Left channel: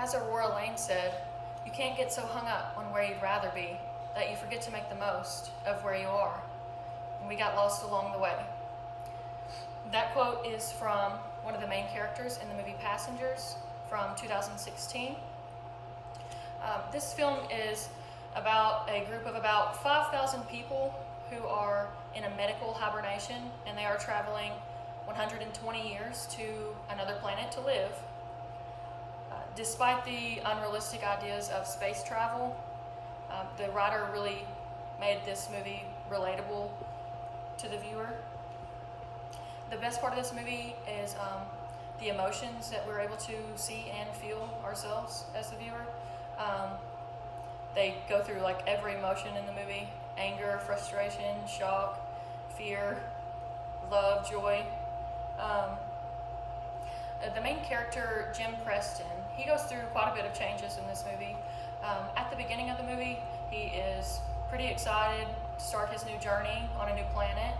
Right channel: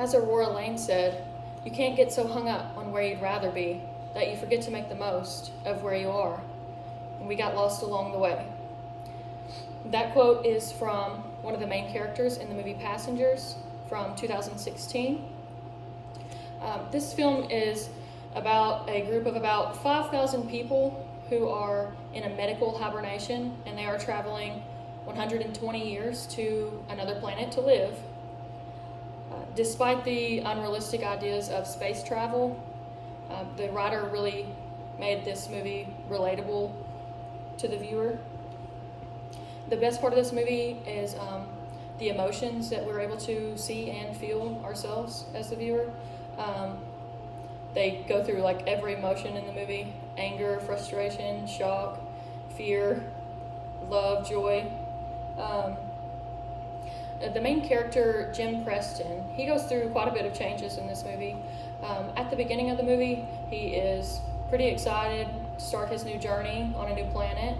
As Aurora Lane said, you can't get so hung up on where you'd rather be that you forget to make the most of where you are. And we got lost along the way. That quote is from one of the main characters in the movie Passengers from 2016. This film is about a group of about 5,000 people who are in a medical hibernation, and they are traveling 120 years to another planet to live. Despite the unrealistic ideas of space travel, the writer really made this movie relatable to the viewer. The best part of this movie is the emotions that we're able to see and feel ourselves as the viewer. They go through like every emotion in the movie: anger, frustration, shock, fear, love, joy. The main character, Jim Preston, he goes through quite a bit of changes in this movie. At the beginning of the movie, he is pretty excited to start his new journey on a new planet.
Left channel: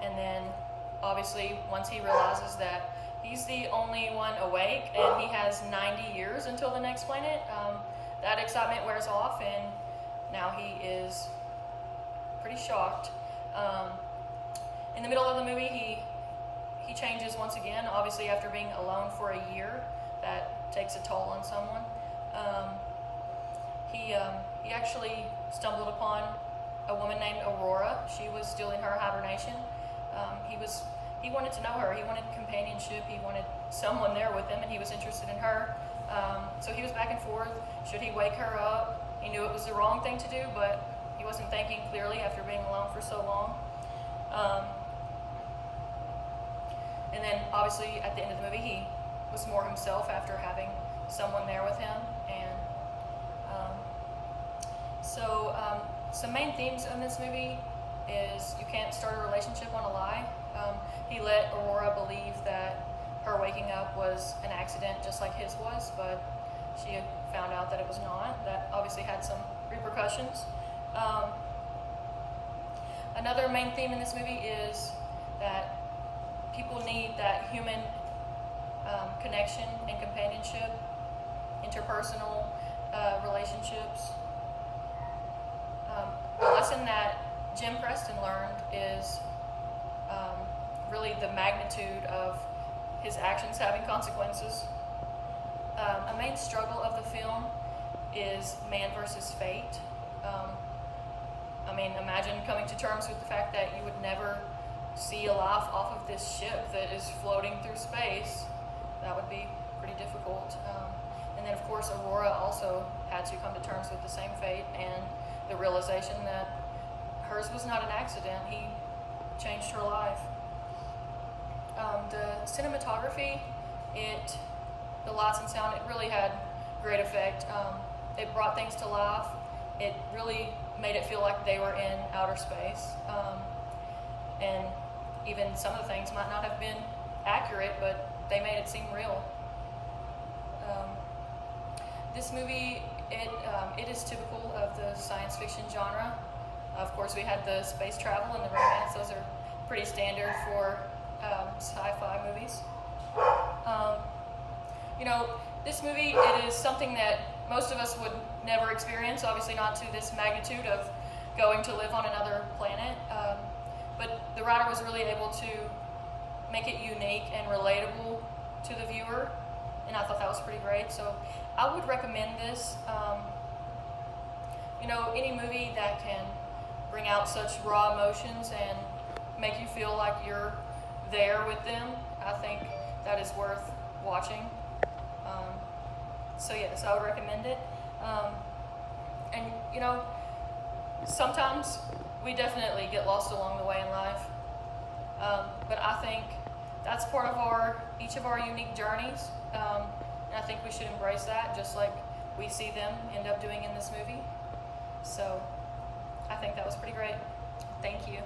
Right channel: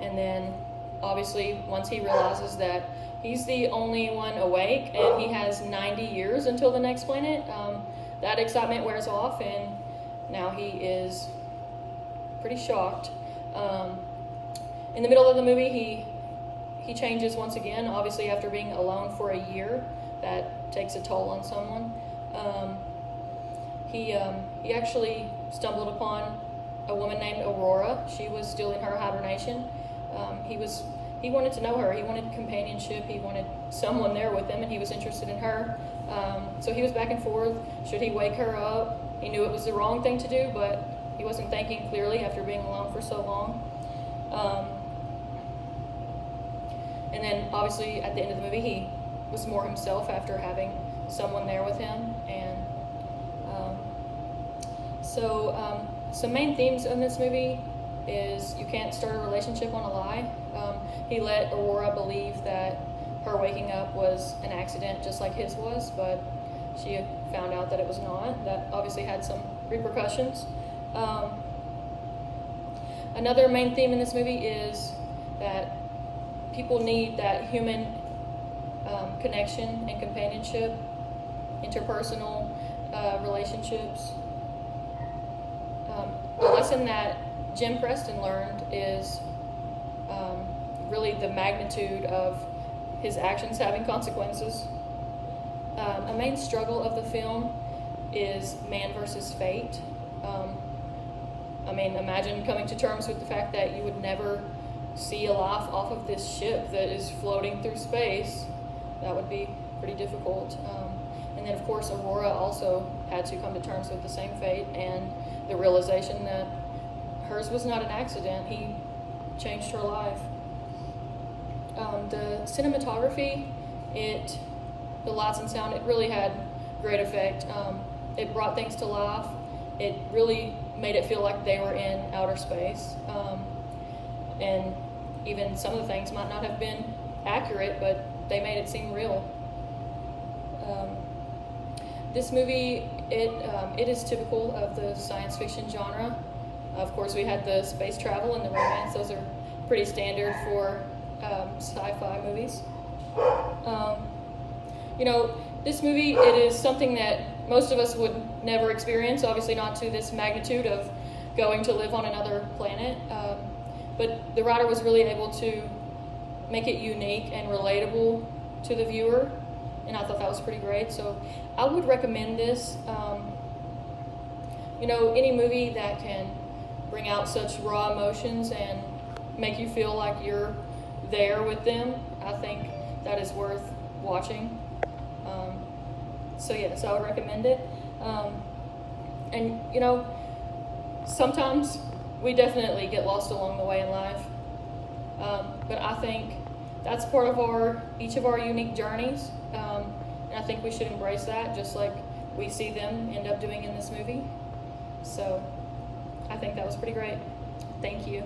And then, obviously, once he realizes that he's the only one awake and he has 90 years until the next planet, that excitement wears off, and now he is pretty shocked. In the middle of the movie, he changes once again, obviously after being alone for a year. That takes a toll on someone. He actually stumbled upon a woman named Aurora. She was still in her hibernation. He wanted to know her. He wanted companionship. He wanted someone there with him, and he was interested in her. So he was back and forth. Should he wake her up? He knew it was the wrong thing to do, but he wasn't thinking clearly after being alone for so long. And then obviously at the end of the movie, he was more himself after having someone there with him. And some main themes in this movie is you can't start a relationship on a lie. He let Aurora believe that her waking up was an accident just like his was, but she found out that it was not. That obviously had some repercussions. Another main theme in this movie is that people need that human connection and companionship, interpersonal relationships. The lesson that Jim Preston learned is really the magnitude of his actions having consequences. A main struggle of the film is man versus fate. Imagine coming to terms with the fact that you would never see a life off of this ship that is floating through space. That would be pretty difficult. And then of course Aurora also had to come to terms with the same fate and the realization that hers was not an accident. He changed her life. The cinematography, the lights and sound, it really had great effect. It brought things to life. It really made it feel like they were in outer space. And even some of the things might not have been accurate, but they made it seem real. This movie, it is typical of the science fiction genre. Of course, we had the space travel and the romance. Those are pretty standard for sci-fi movies. This movie, it is something that most of us would never experience, obviously not to this magnitude of going to live on another planet. But the writer was really able to make it unique and relatable to the viewer, and I thought that was pretty great. So I would recommend this. Any movie that can bring out such raw emotions and make you feel like you're there with them, I think that is worth watching. So yes, I would recommend it. And sometimes we definitely get lost along the way in life, but I think that's part of each of our unique journeys, and I think we should embrace that, just like we see them end up doing in this movie. So I think that was pretty great. Thank you.